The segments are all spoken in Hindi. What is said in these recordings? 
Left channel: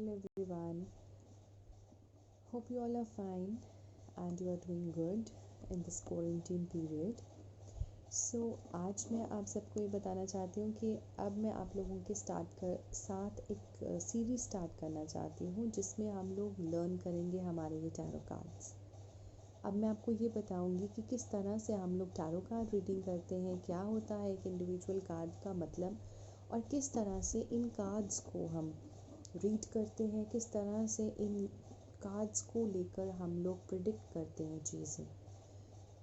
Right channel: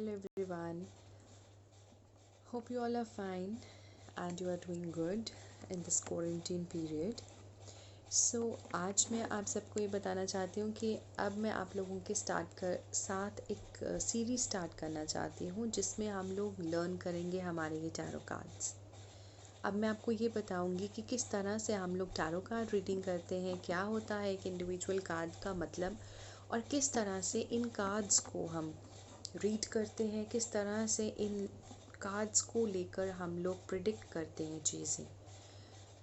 Hello everyone. Hope you all are fine and you are doing good in this quarantine period. आज मैं आप सबको ये बताना चाहती हूँ कि अब मैं आप लोगों के साथ एक सीरीज़ स्टार्ट करना चाहती हूँ जिसमें हम लोग लर्न करेंगे हमारे ये टैरो कार्ड्स। अब मैं आपको ये बताऊँगी कि किस तरह से हम लोग टैरो कार्ड रीडिंग करते हैं, क्या होता है एक इंडिविजुअल कार्ड का मतलब, और किस तरह से इन कार्ड्स को हम रीड करते हैं, किस तरह से इन कार्ड्स को लेकर हम लोग प्रिडिक्ट करते हैं चीज़ें।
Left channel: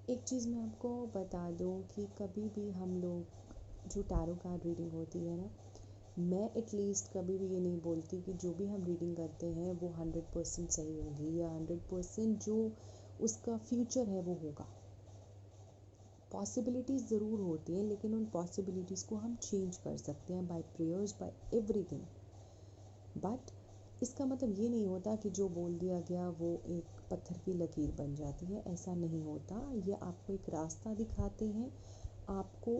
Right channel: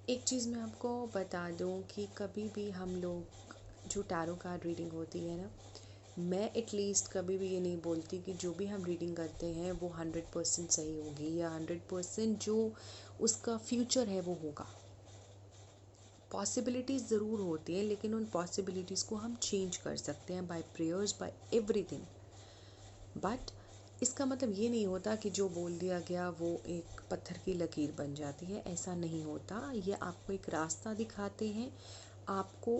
एक चीज़ मैं आपको बता दूं कि कभी भी हम लोग जो टैरो कार्ड रीडिंग होती है ना, मैं एटलीस्ट कभी भी ये नहीं बोलती कि जो भी हम रीडिंग करते हैं वो 100% सही होगी या 100% जो उसका फ्यूचर है वो होगा। पॉसिबिलिटीज़ ज़रूर होती हैं, लेकिन उन पॉसिबिलिटीज़ को हम चेंज कर सकते हैं by prayers, by everything. But इसका मतलब ये नहीं होता कि जो बोल दिया गया वो एक पत्थर की लकीर बन जाती है, ऐसा नहीं होता। ये आपको एक रास्ता दिखाते हैं, आपको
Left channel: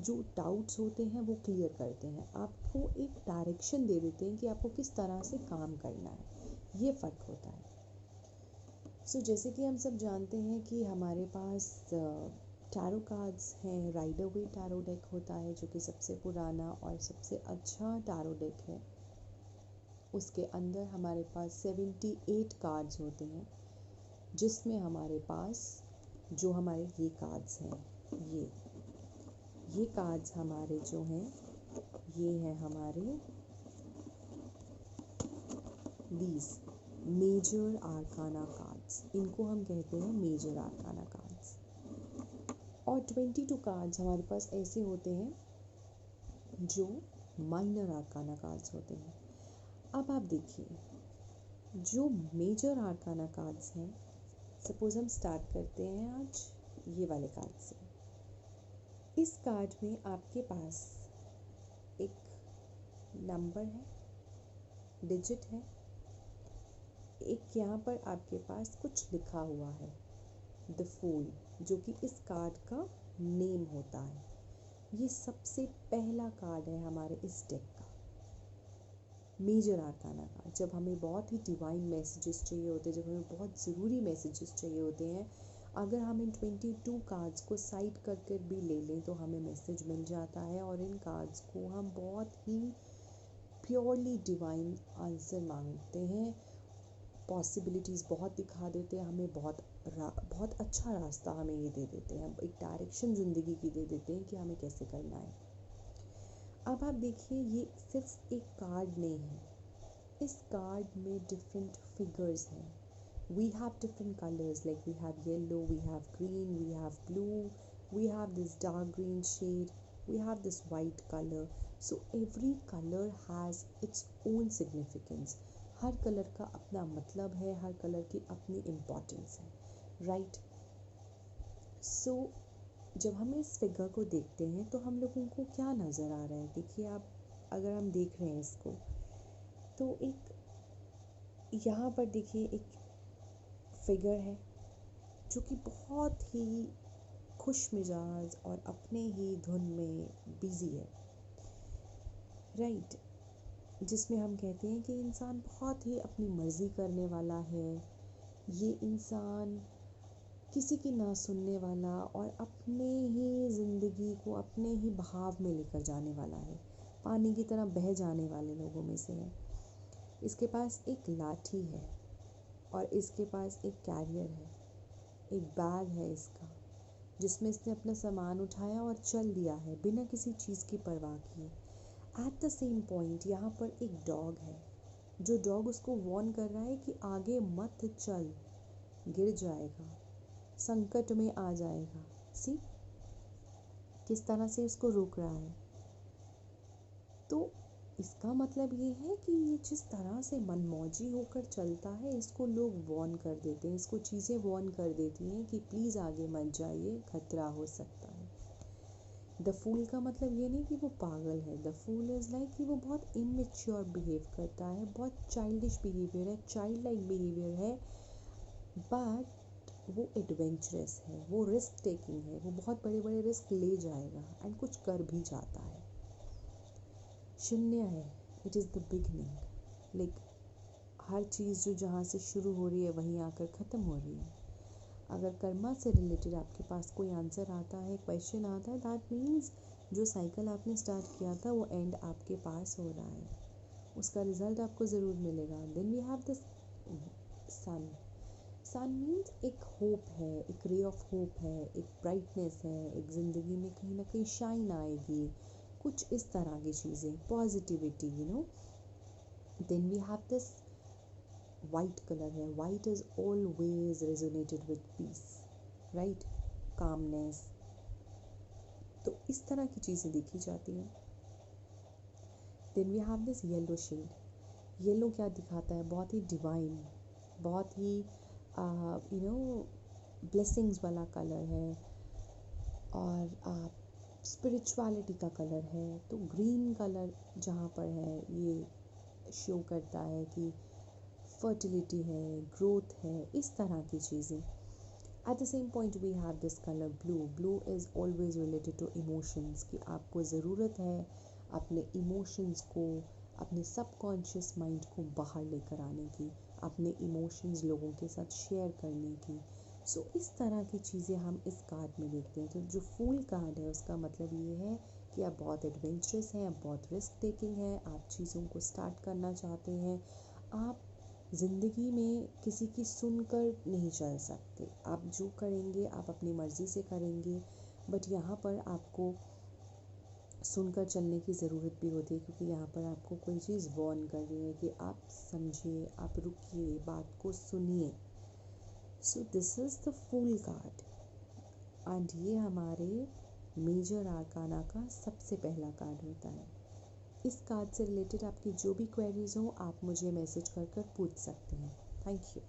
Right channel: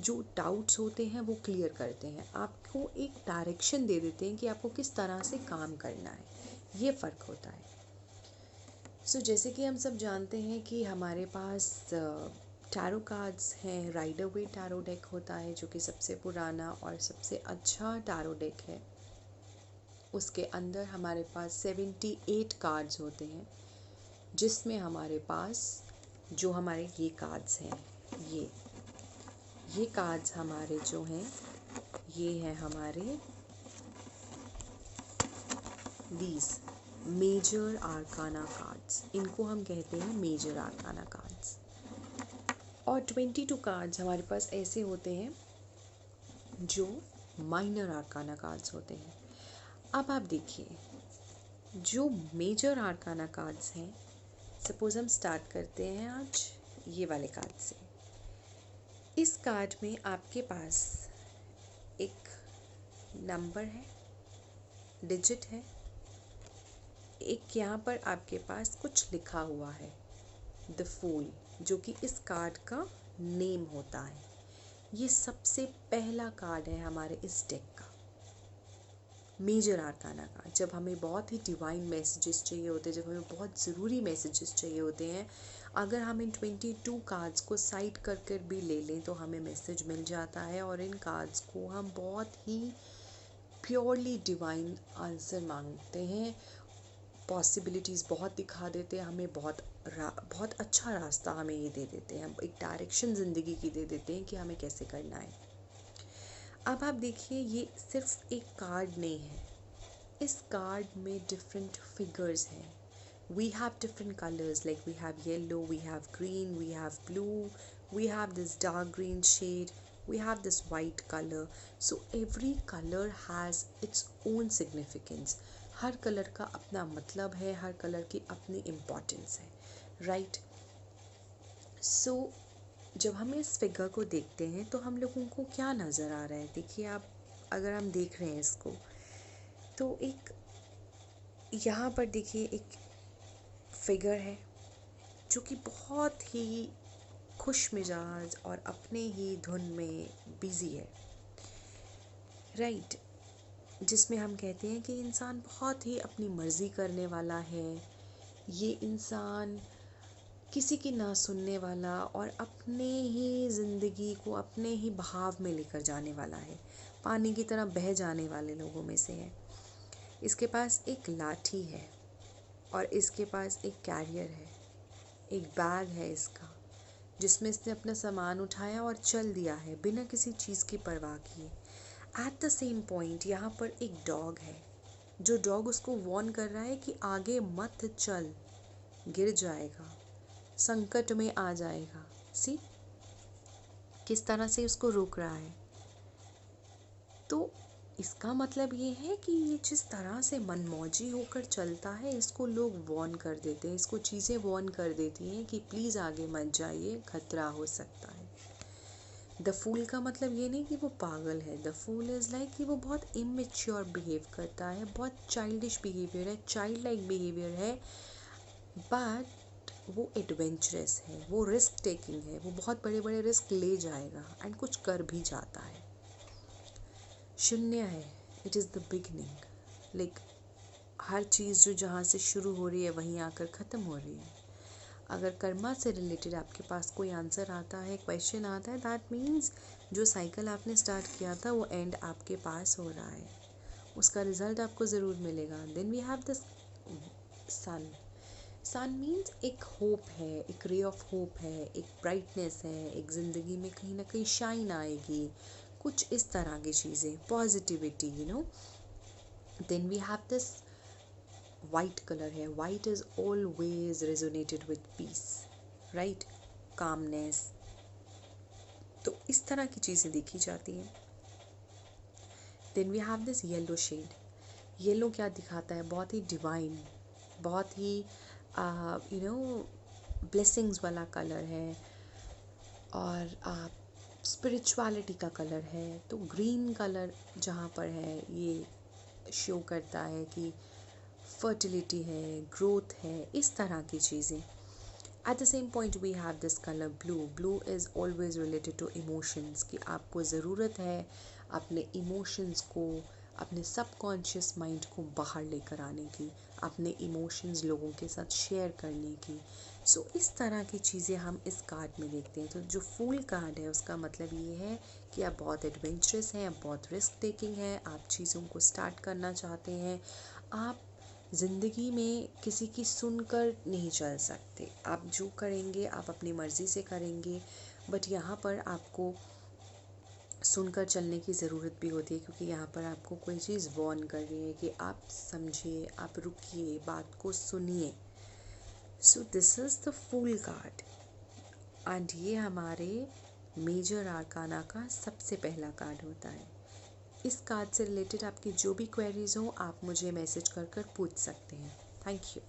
जो डाउट्स होते हैं वो क्लियर करते हैं, आपको एक डायरेक्शन दे देते हैं कि आपको किस तरह से काम करना है। ये फ़र्क होता है। जैसे कि हम सब जानते हैं कि हमारे पास टैरो कार्ड्स हैं। राइडर वेट टैरो डेक होता है जो कि सबसे पुराना और सबसे अच्छा टैरो डेक है। उसके अंदर हमारे पास 78 कार्ड्स होते हैं, जिसमें हमारे पास जो हमारे ये कार्ड्स हैं, ये कार्ड्स हमारे जो हैं ये हैं हमारे दीज मेजर आर्काना कार्ड्स। इनको हम कहते हैं मेजर आर्काना कार्ड्स। और 22 कार्ड्स हमारे पास ऐसे होते हैं जो माइनर आर्काना कार्ड्स होते हैं। अब आप देखिए, जो मेजर आर्काना कार्ड्स हैं, सपोज़ हम स्टार्ट करते हैं आज ये वाले कार्ड से। इस कार्ड में आपके पास एक नंबर है, डिजिट है, एक यहाँ पर आपके पास कुछ लिखा हुआ है, द फूल, जो कि इस कार्ड का नेम होता है। ये सबसे पहला कार्ड है हमारे इस डेक का, मेजर आर्काना का। जब हमें बहुत ही डिवाइन मैसेजेस चाहिए होते हैं, जब हमें बहुत ज़रूरी मैसेजेस चाहिए होते हैं, अगर हम इन 22 कार्ड्स को साइड कर कर भी ले लें तो हमें मैसेज मिल जाता है। और इन कार्ड्स को हम बहुत ही प्योरली डिवाइन आंसर मांगते हैं, पॉसिबिलिटीज़ बहुत दिखा देते हैं हमें, बहुत अच्छा रास्ता हमें ये दे देते हैं, एक डायरेक्शन ज़िंदगी की दे देते हैं कि हमें कैसे करना है। अब आप देखिए, ये सिर्फ एक कार्ड नहीं है, इस कार्ड में डिफरेंट फिगर्स हैं। We have different colors, like we have yellow, we have green, we have blue, we have this dark green shade, we have this white color. So every color has its own significance. Her colour का अपना मतलब है, हर कलर की अपनी इम्पोर्टेंस है, राइट। जब हम इस फिगर को देखते हैं तो हम लोगों को क्या नज़र आ रहा है, देखिए आप, अगर हम देख रहे हैं इसको तो एक यहाँ पर देखिए एक फिगर है जो कि बहुत ही खुश मिजाज और अपने ही धुन में बिज़ी है, राइट। जिसमें हम कहते हैं कि इंसान बहुत ही अपनी मर्ज़ी करने वाला है, ये इंसान किसी की ना सुनने वाला और अपने ही ज़िंदगी को अपने ही बहाव में लेकर जाने वाला है, पानी की तरह बह जाने वाले लोगों में से है। इसके पास एक लाठी है और इसके पास एक कैरियर है, एक बैग है इसका, जिसमें इसने अपना सामान उठाया और चल दिया है बिना किसी चीज़ की परवाह किए। एट द सेम पॉइंट यहाँ पर एक डॉग है, जो डॉग उसको वॉर्न कर रहा है कि आगे मत चल, गिर जाएगा, संकट में आ जाएगा। सी किस तरह से उसको रोक रहा है। तो इसका मतलब ये है कि ये जिस तरह से मनमौजी होकर चलता है, इसको लोग वॉर्न कर देते हैं, इसको चीज़ें वॉर्न कर देती हैं कि प्लीज़ आगे मत जाइए, खतरा हो सकता है। द फूल का मतलब ये नहीं कि वो पागल है, द फूल इज़ लाइक कि वो बहुत इमेच्योर बिहेव करता है, बहुत चाइल्डिश बिहेवियर है, चाइल्ड लाइक बिहेवियर है, बट वो एडवेंचरस है, वो रिस्क टेकिंग है, वो बहुत बड़े बड़े रिस्क ले जाएगा एंड कुछ कर भी जाता है। शून्य है, it is the beginning, like हर चीज़ जो जहाँ से शुरू हो रही है वहीं आकर ख़त्म हो रही है। अगर कर्मा से रिलेटेड आपके पास कोई आंसर आता है, क्वेश्चन आता है, दैट मीन्स जो साइकिल आपने स्टार्ट किया था वो एंड आपके पास हो रहा है, उसका रिज़ल्ट आपको ज़रूर मिलेगा। Then we have the sun. Sun means एक होप है, एक रे ऑफ होप है, एक ब्राइटनेस है, एक ज़िंदगी में कहीं ना कहीं शाइन आएगी, कुछ इस तरह की चीज़ें, positivity, you know. Then we have this white colour है। White is always resonated with peace, right, calmness. तो इस तरह की चीज़ें देखी जाती हैं। Then we have this yellow shade. Yellow क्या दिखाता है? बहुत ही डिवाइन, बहुत ही यू नो ब्लेसिंग्स वाला कलर है, और स्पिरिचुअलिटी का कलर है। तो ग्रीन कलर जहाँ पर है ये शो करता है कि फर्टिलिटी है, ग्रोथ है, इस तरह की चीज़ें। At the same point we have this colour blue. Blue is always related to emotions, कि आपको ज़रूरत है अपने इमोशंस को, अपने सबकॉन्शियस माइंड को बाहर लेकर आने की, अपने इमोशंस लोगों के साथ शेयर करने की। सो इस तरह की चीज़ें हम इस कार्ड में देखते हैं। तो जो फूल कार्ड है उसका मतलब ये है कि आप बहुत एडवेंचरस हैं, आप बहुत रिस्क टेकिंग हैं, आप चीज़ों को स्टार्ट करना चाहते हैं, आप ज़िंदगी में किसी की सुनकर नहीं चल सकते, आप जो करेंगे आप अपनी मर्ज़ी से करेंगे। बट यहाँ पर आपको सुनकर चलने की ज़रूरत भी होती है, क्योंकि यहाँ पर आपको कोई चीज़ वॉर्न कर रही है कि आप समझिए, आप रुकिए, बात को सुनिए। So this is the fool card, and ये हमारे मेजर आर्काना का सबसे पहला कार्ड होता है। इस कार्ड से रिलेटेड आपकी जो भी क्वेरीज़ हो आप मुझे मैसेज कर कर पूछ सकते हैं। Thank you.